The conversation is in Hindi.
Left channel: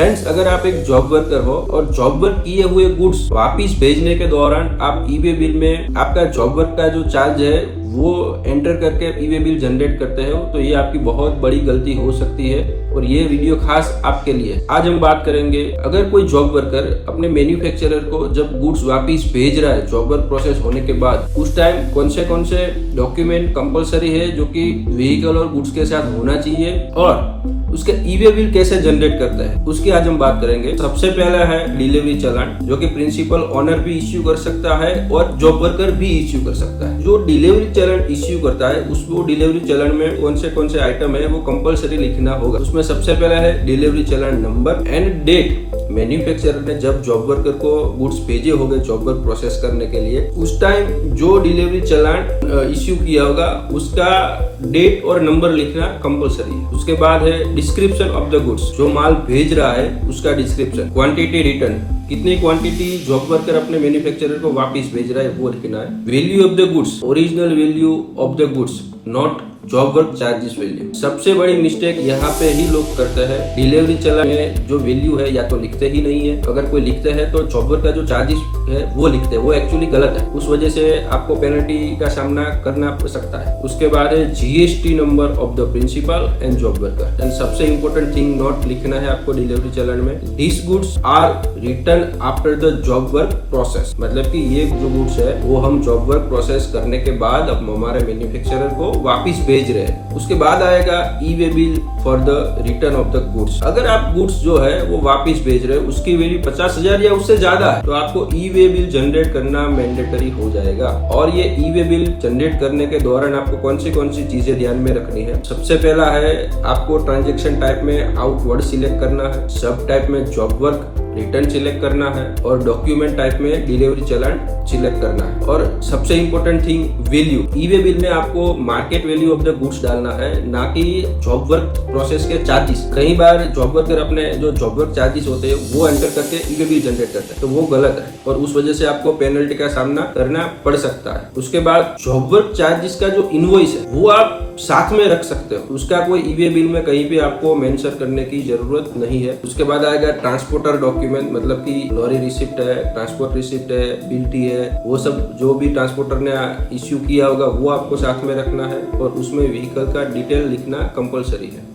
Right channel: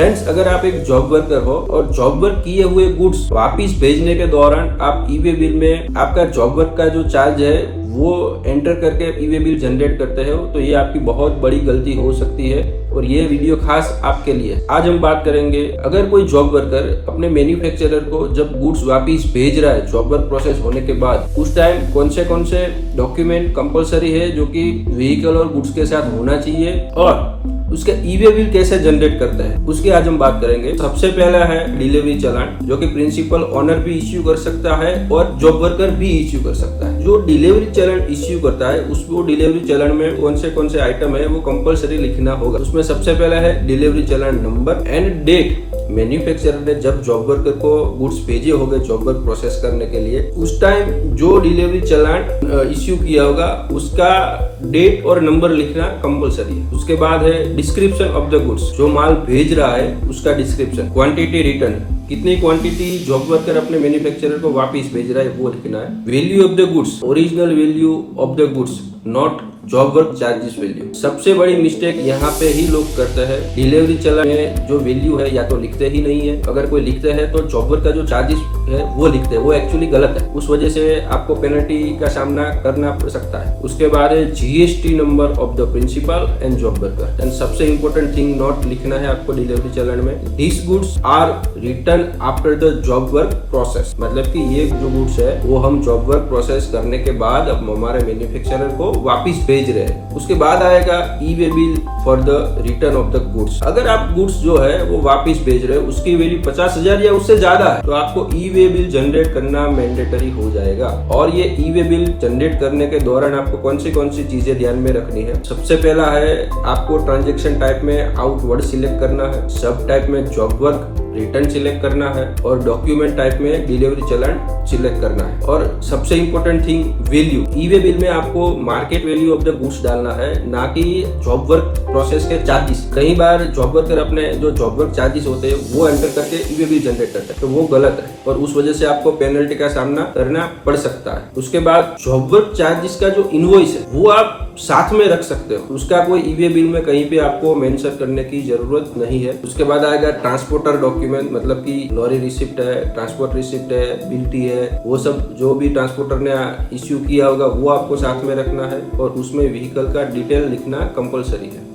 फ्रेंड्स, अगर आप एक जॉब वर्कर हो और जॉब वर्क किए हुए गुड्स वापिस भेजने के दौरान आप ई-वे बिल में आपका जॉब वर्क का जो चार्ज है वो एंटर करके ई-वे बिल जनरेट करते हो, तो ये आपकी बहुत बड़ी गलती हो सकती है और ये वीडियो खास आपके लिए। आज हम बात करेंगे, अगर कोई जॉब वर्कर अपने मैन्युफैक्चरर को जब गुड्स वापिस भेज रहा है जॉब वर्क प्रोसेस होने के बाद, उस टाइम कौन से डॉक्यूमेंट कंपलसरी है जो कि व्हीकल और गुड्स के साथ होना चाहिए और उसका ई-वे बिल कैसे जनरेट करता है, उसकी आज हम बात करेंगे। सबसे पहला है डिलीवरी चालान, जो कि प्रिंसिपल ओनर भी इश्यू कर सकता है और जॉब वर्कर भी इश्यू कर सकता है। जो डिलीवरी चालान इश्यू करता है उसको डिलीवरी चालान में कौन से आइटम है वो कंपलसरी लिखना होगा। उसमें सबसे पहला है delivery challan number and date. Manufacturer ने जब जॉब वर्कर को गुड्स भेजे होंगे जॉब वर्क प्रोसेस करने के लिए, उस टाइम जो डिलीवरी चालान इश्यू किया होगा उसका डेट और नंबर लिखना कंपलसरी। उसके बाद है डिस्क्रिप्शन ऑफ द गुड्स, जो माल भेज रहा है उसका डिस्क्रिप्शन, क्वांटिटी रिटर्न, कितनी क्वांटिटी जॉब वर्कर अपने मैन्युफैक्चरर को वापस भेज रहा है वो लिखना है। Value of the goods, original value of the goods, not job work charges value. सबसे बड़ी मिस्टेक यहाँ पे ही लोग करते हैं, डिलीवरी चालान है जो वैल्यू है या तो लिखते ही नहीं है, अगर कोई लिखते हैं तो जॉब वर्क का जो चार्जेस है वो लिखते हैं, वो एक्चुअली गलत है। उस वजह से आपको पेनल्टी का सामना करना पड़ सकता है। उसके बाद है GST number of the principal and job worker. And सबसे इम्पोर्टेंट थिंग नोट लिखना है आपको डिलीवरी चालान में, this goods are return after the job work process. मतलब कि ये जो गुड्स है वो हम जॉब वर्क प्रोसेस करने के बाद अब हमारे मैन्युफैक्चरर को वापिस भेज रहे हैं। उसके बाद आएगा e-way bill for the return of the goods. अगर आप गुड्स जो है वो वापिस भेज रहे हैं, उसकी वैल्यू 50,000 या उससे ज्यादा है, तो आपको ई-वे बिल जनरेट करना मैंडेटरी हो जाएगा। और ये ई-वे बिल जनरेट करने के दौरान आपको कौन सी चीजें ध्यान में रखनी है। सबसे पहला है आपको ट्रांजेक्शन टाइप में आउटवर्ड सिलेक्ट करना है, सब टाइप में जॉब वर्क रिटर्न सिलेक्ट करना है और डॉक्यूमेंट टाइप में डिलीवरी चालान सिलेक्ट करना है। और सबसे important thing value, e-way bill में आपको market value of the goods डालना है, ना कि जॉब वर्क प्रोसेस के चार्जेस। कई बार जॉब वर्कर अपने जो जॉब वर्क चार्जेस होते हैं वो एंटर करके ई-वे बिल जनरेट करता है, तो वो गलत है और उस वजह से आपको पेनल्टी का सामना करना पड़ सकता है। उसके बाद जॉब वर्क चार्जेस का जो इनवॉइस है वो आप साथ में रख सकते हो, उसका कोई ई-वे बिल में कहीं पे आपको मेंशन करने की जरूरत नहीं है। उसके बाद आएगा ट्रांसपोर्टर डॉक्यूमेंट, मतलब कि लॉरी रिसिप्ट है, ट्रांसपोर्ट रिसिप्ट है, पीटी है, वो सब जो भी ट्रांसपोर्टर ने इश्यू किया होगा वो आपको साथ में रखना है और उसमें व्हीकल का डिटेल लिखना कंपलसरी है।